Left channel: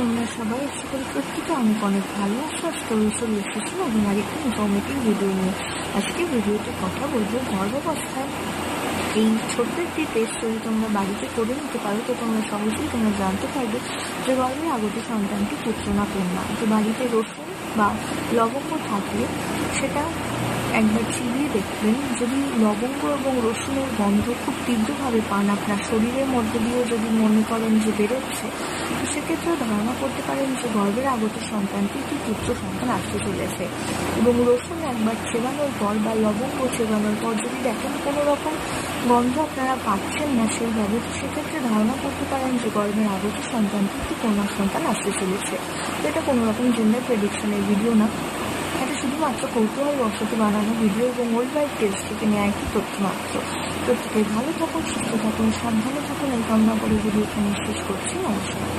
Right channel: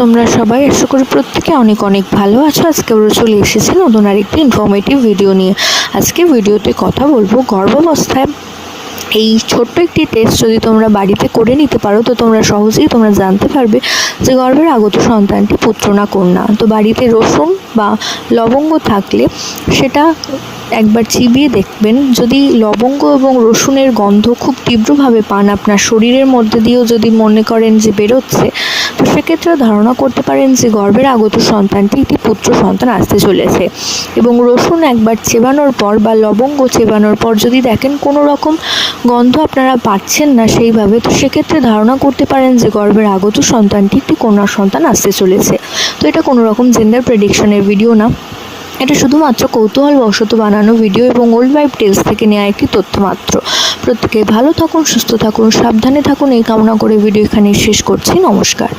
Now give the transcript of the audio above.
তোমরা সবাই আশা করি প্রত্যেকে অনেক অনেক ভালো আছো। আজকে আমরা চলে এসেছি নতুন আরেকটি ইনফরমেটিভ ভিডিও নিয়ে। আজকে ভিডিওতে কথা বলবো গর্ভাবস্থায় এই ছোট্ট একটি টেস্ট যদি তোমরা বাড়িতে করে নিতে পারো তো তোমরা সহজেই জানতে পারবে যে গর্ভের আগত সন্তানটি পুত্র না কন্যা। তো বাড়িতে রসুন বা লবঙ্গ থাকলে সেটা একবার চিবিয়ে দেখবেন। যদি লবঙ্গ এবং রসুনের গন্ধ খুব তীব্রভাবে পান, আপনার শরীরের মধ্যে দিয়েও যদি মনে করেন যে বেরোচ্ছে, তো সেক্ষেত্রে ধারণা করতে পারেন যে গর্ভের আগত সন্তানটি একটি পুত্র সন্তান আসতে চলেছে। এবং রসুন একবার চেবানোর পর বা লবঙ্গ চেবানোর পর যদি দেখেন কোনো রকম গন্ধ আপনারা পাচ্ছেন না সেইভাবে, তো সেক্ষেত্রে ধারণা করতে পারেন যে গর্ভের আগত সন্তানটি একটি কন্যা সন্তান আসতে চলেছে। তো এটা কোনো রকম জেন্ডার প্রেডিকশনের ভিডিও না, এটা শুধুমাত্র কৌতূহলবশত বানানো ভিডিও এবং ওল্ড ওয়াইফ টেলস থেকে নেওয়া একটি তথ্য মাত্র। প্রত্যেকে ভালো থাকুন, সুস্থ থাকুন, সাবধানে থাকুন এই কামনা করে ভিডিও এখানে শেষ করছি। নমস্কার।